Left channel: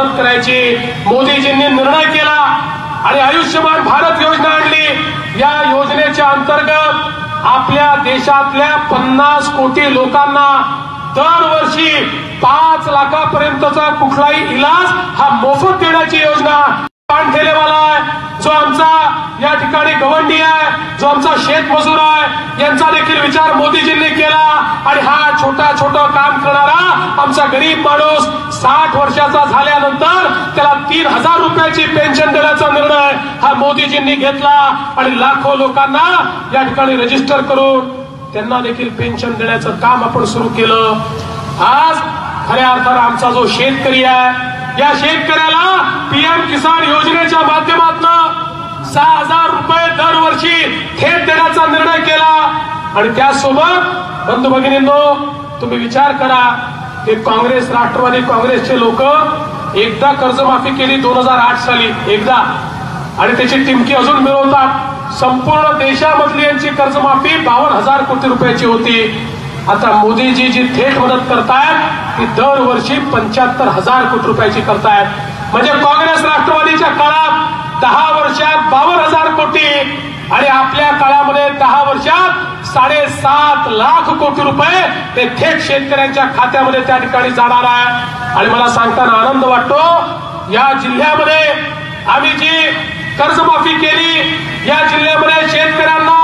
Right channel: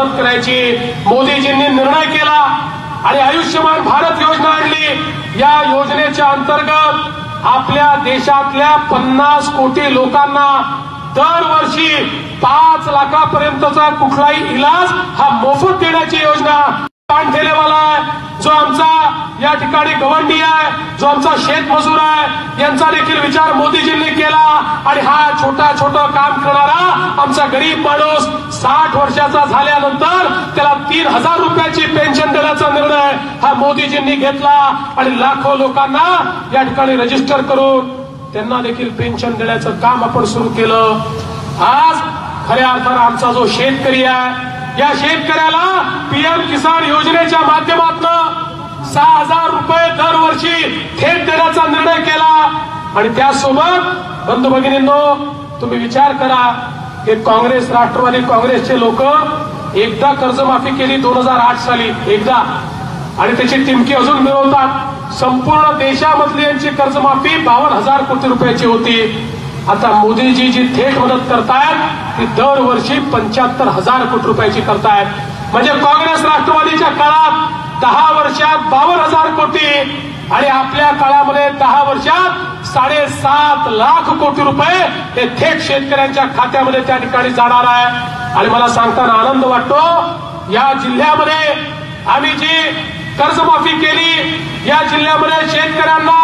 मदत करायची मोदीजींनी निर्णय केला आणि आयुष्यमान भारत योजना आणली। या योजनेच्या अंतर्गत आपल्या देशातल्या 50 कोटी लोकांना दरवर्षी 5 लाखापर्यंतचा कुठलाही इलाज हा मोफत देण्याची योजना पान ठेलेवाला आहे, जो आमचा या ठिकाणी गवंडी आहे, जो आमचा शेतमजूर आहे, यांचा देखील विचार मोदीजींनी केला आणि हा छोटा काम करणारा आमचा गरीब माणूस 60 वर्षाचा झाल्यानंतर त्याला 3000 रुपयाची पेन्शन देण्याचा निर्णय हा मोदीजींनी घेतला आणि लाखो लोकांना या ठिकाणी रजिस्टर करून त्यांना देखील पेन्शन देण्याचं काम आपण सुरू केलं। आज खऱ्या अर्थानं आमचा जो शेतकरी आहे, या शेतकऱ्याला पीएम किसान योजनेच्या माध्यमातून 6000 रुपये दरवर्षी थेट देण्याचा निर्णय केला आणि त्यासोबत बंधू भगिनींनो, तुम्ही विचार करा की काँग्रेस राष्ट्रवादी काँग्रेसचे लोक एकदा कर्जमाफी केली 2008 साली एकदा, आणि त्याची टिमकी अजून मिळवतात। संपूर्ण देशामधली यांची कर्जमाफी 52,000 कोटी रुपयाची होती। आता मोदीजी जी थेट मदत करतायत ती दरवर्षी 75,000 कोटी रुपयाची करतायत। म्हणजे काँग्रेस राष्ट्रवादीच्या काळात 10 वर्षात 52,000 कोटी आणि आपल्या काळामध्ये 10 वर्षात 7.5 लाख कोटी रुपये हे थेट शेतकऱ्यांच्या खात्यामध्ये त्या ठिकाणी जाणार आहे। आणि मला सांगताना आनंद वाटतो, या जिल्ह्यामध्ये आम्ही जी कर्जमाफी केली, या जिल्ह्यामध्ये शेतकऱ्यांना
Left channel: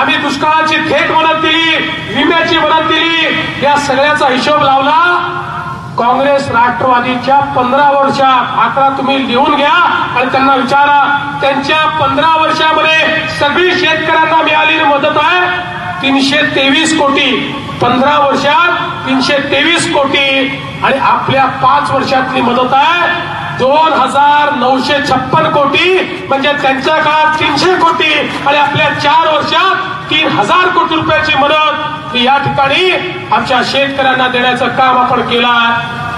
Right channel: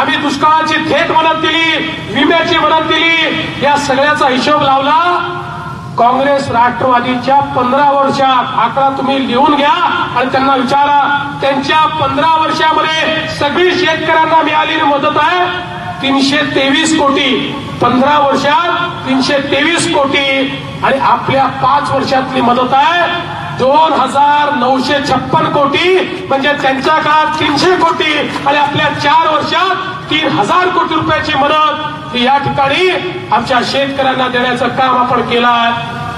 आम्ही दुष्काळाची थेट मदत दिली, विम्याची मदत दिली, या सगळ्याचा हिशोब लावला। काँग्रेस राष्ट्रवादीच्या 15 वर्षात, आकडा तुम्ही लिहून घ्या आणि त्यांना विचारा, त्यांच्या 15 वर्षामध्ये सगळी शेतकऱ्यांना मिळालेली मदत आहे 323 कोटी। 15 वर्षात 323 कोटी आणि आपल्या 5 वर्षातली मदत आहे 2,956 कोटी, म्हणजे त्यांच्या काळात 300 कोटी आणि आपल्या 4 वर्षात 3,000 कोटी रुपयाची मदत ही या ठिकाणी आमच्या शेतकऱ्यांना देण्याचं काम आपण केलं आहे।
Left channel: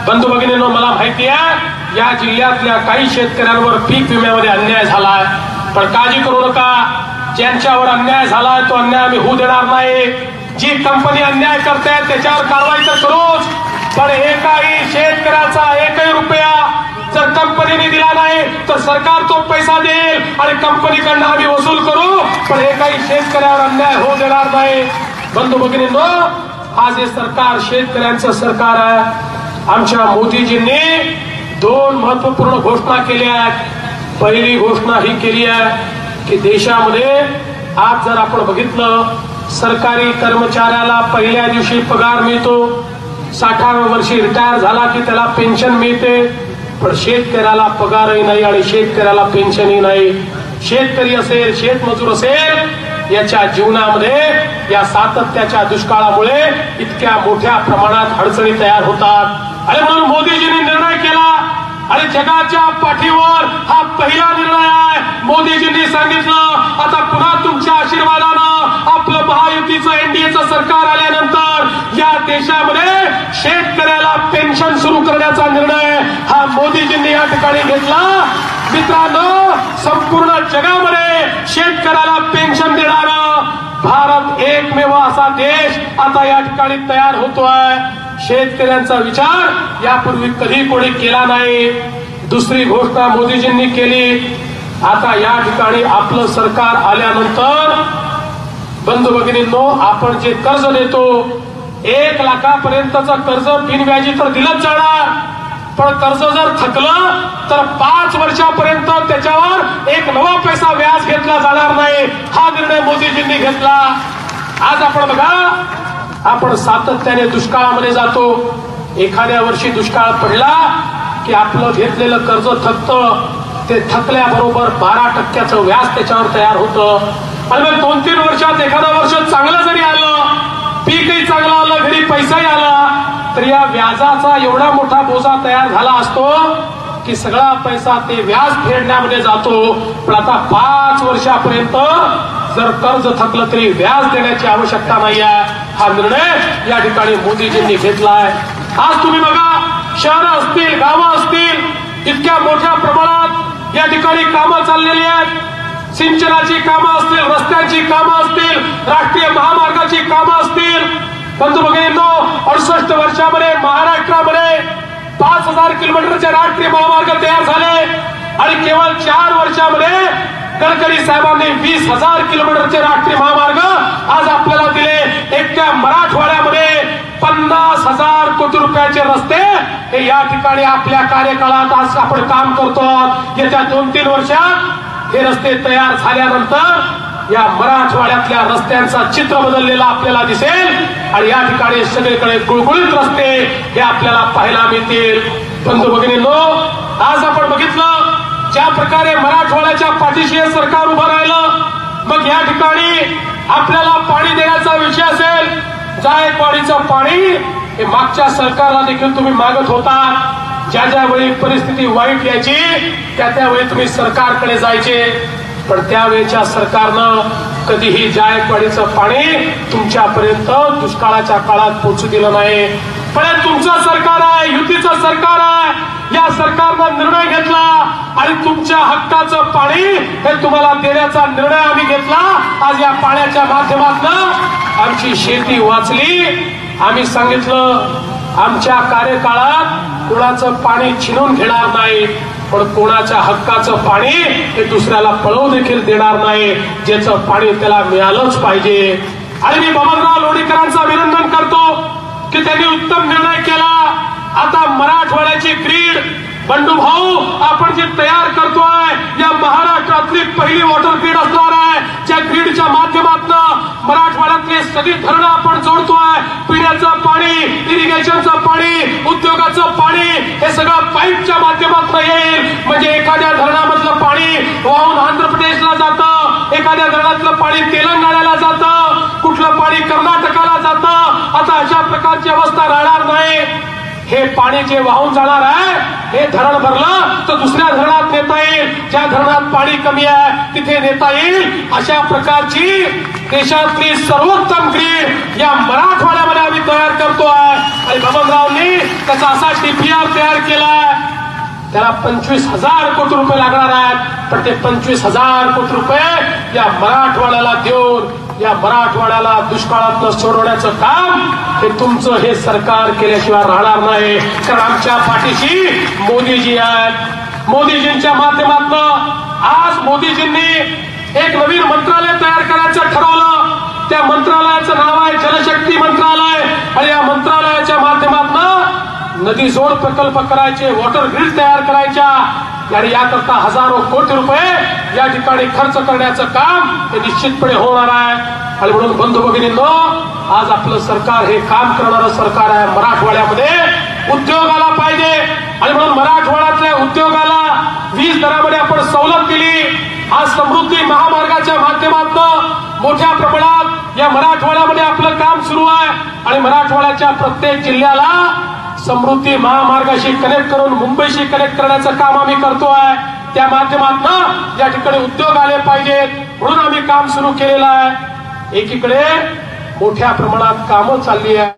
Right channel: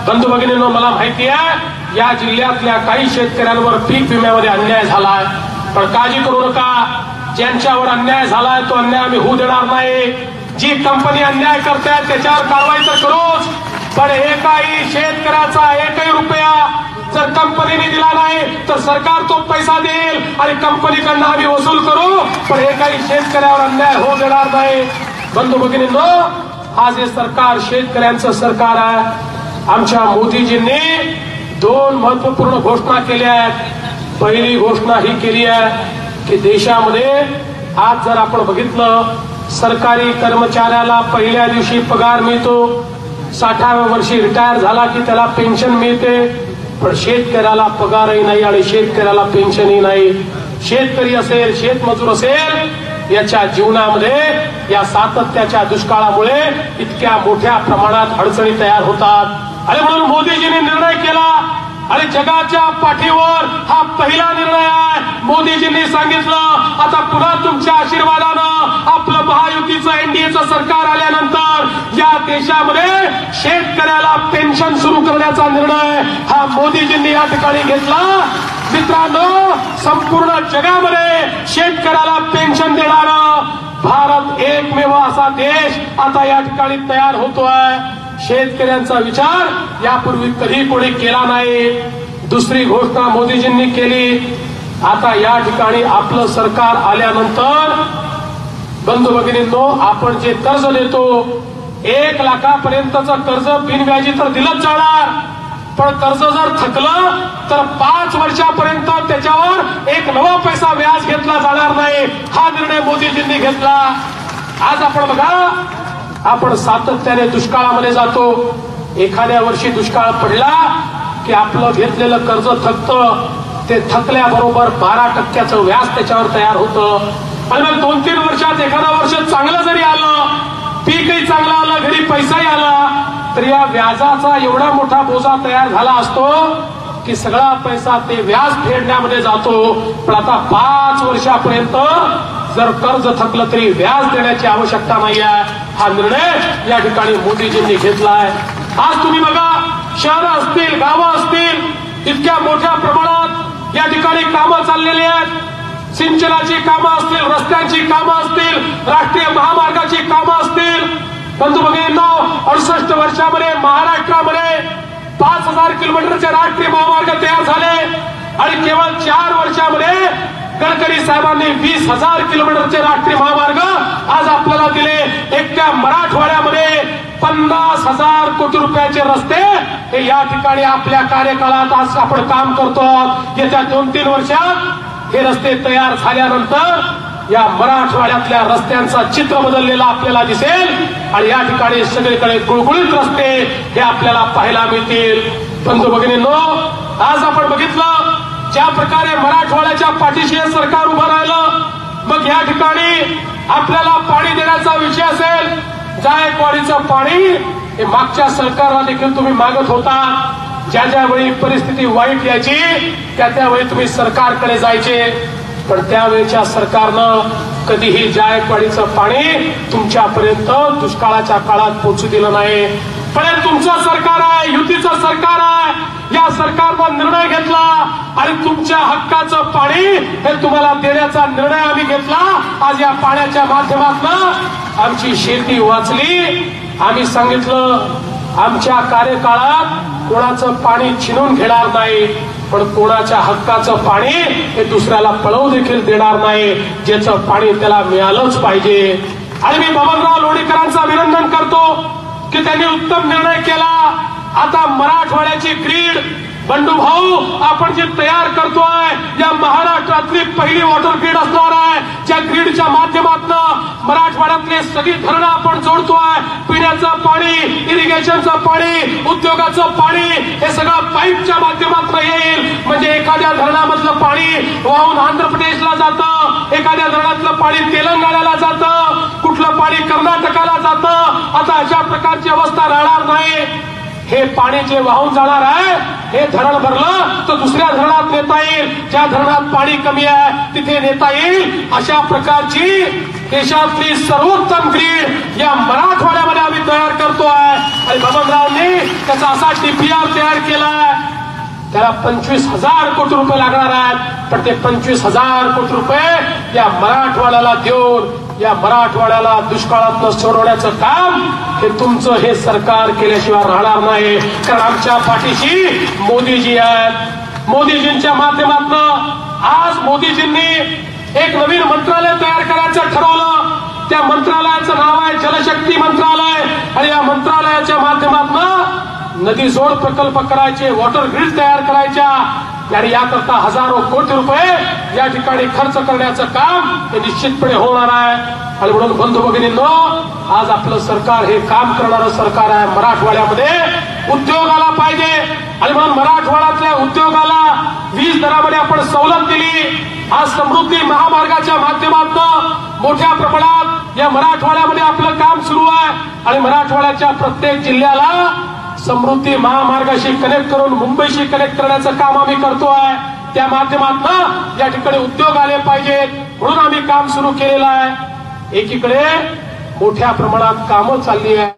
बंधू भगिनींनो, मला माहिती आहे या जिल्ह्यातल्या काही शेतकऱ्यांवर पीक विम्यामध्ये अन्याय झालाय, पण काळजी करू नका, ज्यांच्यावर अन्याय झालाय तो अन्याय आम्ही होऊ देणार नाही। जी कंपनी अन्याय करते त्याच्यावर कारवाई तर करूच, पण एकाही शेतकऱ्याचा एकही रुपया जर कंपनीने दिला नाही तर सरकार तो पैसा देईल आणि कंपनीकडनं आम्ही वसूल करू, पण एकाही शेतकऱ्यावर अन्याय होऊ देणार नाही। बंधू भगिनींनो, आज हे सरकार शेतकऱ्यांचं सरकार आहे। आमच्या मोदीजींनी 2 महत्वपूर्ण घोषणा केल्या आहेत। पहिली घोषणा ही केली आहे की देशामध्ये आज जर आपण बघितलं, सरकारी कर्मचाऱ्याला पहिल्या दिवशी पगार मिळतो, 60व्या वर्षी रिटायर झाला की त्याला पेन्शन मिळते, पण शेतकऱ्याला पगारही नाही आणि शेतकऱ्याला पेन्शनही नाही। शेतकरी असेल, शेतमजूर असेल, याच्या जीवनामध्ये या सातत्याच्या दुष्काळामुळे इतक्या मोठ्या प्रमाणात अडचणी तयार होतात आणि म्हणून मोदीजींनी निर्णय केला आणि जगाच्या पाठीवर हा पहिला निर्णय आहे। मोदीजींनी सांगितलं आता पुन्हा तुमच्या आशीर्वादानं आपलं महायुतीचं एनडीएचं सरकार आल्यानंतर या देशामध्ये शेतकऱ्याला पेन्शन सुरू करण्याचा निर्णय हा मोदीजींनी या ठिकाणी घेतला। मित्रांनो, संपूर्ण जगामध्ये शेतकऱ्याला पेन्शन देणारा भारत एकमेव असा देश आता या ठिकाणी तयार होतोय। शेतकऱ्यांचा विचार यापूर्वी कधी कोणी केला नाही। दुसरी घोषणा मोदीजींनी केली, आता या ठिकाणी आपलं सरकार आल्यानंतर बंधू भगिनींनो, आपण जे कर्ज देतो 1 लाखापर्यंतचं कर्ज बिनव्याजी तर दिलंच जाणार, पण कर्ज जर थकलं तर 5 वर्षापर्यंत त्याच्यावर 1 नवा पैसा व्याज घेतला जाणार नाही, हा निर्णय मोदीजींनी घेतला। आज आपण बघा, आपण सातत्याने दुष्काळामध्ये जातो, एखाद्या वर्षी दुष्काळ पडला की आपलं घेतलेलं कर्ज थकतं, ते थकल्याबरोबर 12% व्याज त्याच्यावर तयार होतं आणि मग 2-3 वर्षात एखादा वर्ष चांगलं जरी आलं, पीकही चांगलं आलं, घरी पैसाही आला, तर या व्याजाचा एवढा मोठा बोजा तयार झाला असतो की सगळा पैसा ते व्याज फेडण्यामध्ये जातो। पण आता 5 वर्षापर्यंत जर कर्ज थकलं तरी व्याज देण्याची आवश्यकता नाही आहे, हा निर्णय या ठिकाणी मोदीजींनी घेतलाय। आज तुम्ही बघा, शहरं असतील, गावं असतील, इतक्या मोठ्या प्रमाणात या ठिकाणी कामं चाललेली आहेत। सिंचनाची कामं असतील, रस्त्यांची कामं असतील, राष्ट्रीय महामार्गाची कामं असतील। बंधू भगिनींनो, 68 वर्षामध्ये महाराष्ट्रामध्ये 5000 किलोमीटरचे राष्ट्रीय महामार्ग तयार झाले आणि केवळ 4 वर्षामध्ये गडकरी साहेबांनी 20,000 किलोमीटरचे राष्ट्रीय महामार्ग आज आपल्याला दिले. एकट्या मराठवाड्यामध्ये 50,000 कोटी रुपयाचे रस्ते हे या ठिकाणी आपल्या कार्यकाळात आज आपण काम करतो. येत्या 2-3 वर्षात हे रस्ते तयार झाल्यानंतर या मराठवाड्यातल्या रस्त्यांचं चित्र बदललेलं आपल्याला दिसेल आणि या ठिकाणी सगळीकडे गुळगुळीत रस्ते हे आपल्याला पाहायला मिळतील. बंधू भगिनींनो, आज आपण बघितलं ज्या प्रकारे मराठवाड्याच्या पाठीशी हे सरकार उभं राहिलं. मग या ठिकाणी आपल्याला पाणी देण्याचा विषय असेल, जायकवाडीचं पाणी हे मागच्या सरकारला देखील तुम्ही मागत होता. ज्या ज्यावेळी परिस्थिती वाईट यायची त्यावेळी तुम्ही सरकारकडे जायचे, पण त्यावेळेच्या सरकारनं कधीही जायकवाडीचं पाणी तुमच्यापर्यंत दुष्काळाच्या काळात पोहोचू दिलं नाही. पण हे तुमचं सरकार आहे, युतीचं सरकार आहे. या सरकारनं निर्णय घेतला आणि तुमच्या हक्काचं पाणी हे तुम्हाला देण्याचा निर्णय आम्ही घेतला. आज या पाण्याच्या माध्यमातून आमची शेती वाचली. आम्ही सांगितलं आमच्या कार्यकाळात कोणाचं पाणी छिनून घेणार नाही, पण कोणाच्या हक्काचं पाणी हे दुसऱ्याला पळवू देखील देणार नाही. ज्याचं पाणी त्याला मिळालंच पाहिजे. आणि मी बबनराव लोणीकरांचं अभिनंदन करतो की त्यांनी उत्तम निर्णय केला. आता मराठवाड्याची ग्रीड बंडू भाऊ आपण जे तयार करतोय, या महाराष्ट्रातली पहिली वॉटर ग्रीड असणार आहे. ज्या ग्रीडच्या माध्यमातून मराठवाड्यातले सगळी धरणं आपण जोडतोय. पिण्याचं पाणी, इरिगेशनचं पाणी, उद्योगाचं पाणी हे सगळं पाईपच्या माध्यमातून येईल. म्हणजे एखाद्या धरणामधलं पाणी वाहून आंध्र प्रदेशला जातं, एखाद्या धरणातलं पाणी तेलंगणाला जातं, कुठलं पाणी कर्नाटकाला जातं. आता अशा प्रकारची अवस्था राहणार नाही. हे पाणी जे वाहून जाणार आहे हे धरण भरलं तर दुसऱ्या धरणात नेता येईल. ज्या धरणात पाणी कमी आहे तिथे नेता येईल. अशा प्रकारची देशातली सर्वोत्तम ग्रीड या मराठवाड्यामध्ये आम्ही तयार करतोय. आणि बबनरावनी त्याचा असा डीपीआर तयार केलाय. त्याला 25,000 कोटी रुपये लागणार आहेत. पण ते 25,000 कोटी रुपये या मराठवाड्याला देऊन या मराठवाड्याला दुष्काळातनं सोडवण्याचं काम हे तुमचं हे सरकार केल्याशिवाय राहणार नाही. कारण आमच्या पाठीशी मोदीजी आहेत. मोदीजींच्या माध्यमातून आज मोदीजींनी एक नवीन मंत्रालय तयार करायचं ठरवलं. त्या मंत्रालयाचं नाव आहे जलशक्ती मंत्रालय. आणि या मंत्रालयाच्या माध्यमातून नदी जोड प्रकल्प करायचे, वॉटर ग्रीड तयार करायच्या आणि याकरता हजारो कोटी रुपये या ठिकाणी खर्च करण्याचं काम हे निश्चितपणे होणार आहे. आणि म्हणून बंधू भगिनींनो, आज आपलं सरकार हे काम करणारं सरकार आहे. मराठवाड्यामध्ये उद्योग आला पाहिजे आणि म्हणून मराठवाड्यातल्या उद्योगाला वीज दरामध्ये आपण सवलत दिली. आज समृद्धी महामार्गाच्या माध्यमातून मोठ्या प्रमाणात या मराठवाड्यामध्ये आपलं काम सुरू आहे. आणि मराठवाड्याच्या प्रत्येक जिल्ह्याला समृद्धी महामार्गाशी कनेक्ट करून मुंबईशी कनेक्ट करण्याचं काम आम्ही करतोय. त्या माध्यमातून या ठिकाणी उद्योग आले पाहिजेत म्हणून आम्ही काम सुरू केलेलं आहे. एकीकडे मोठ्या प्रमाणात कामं चालली आहे.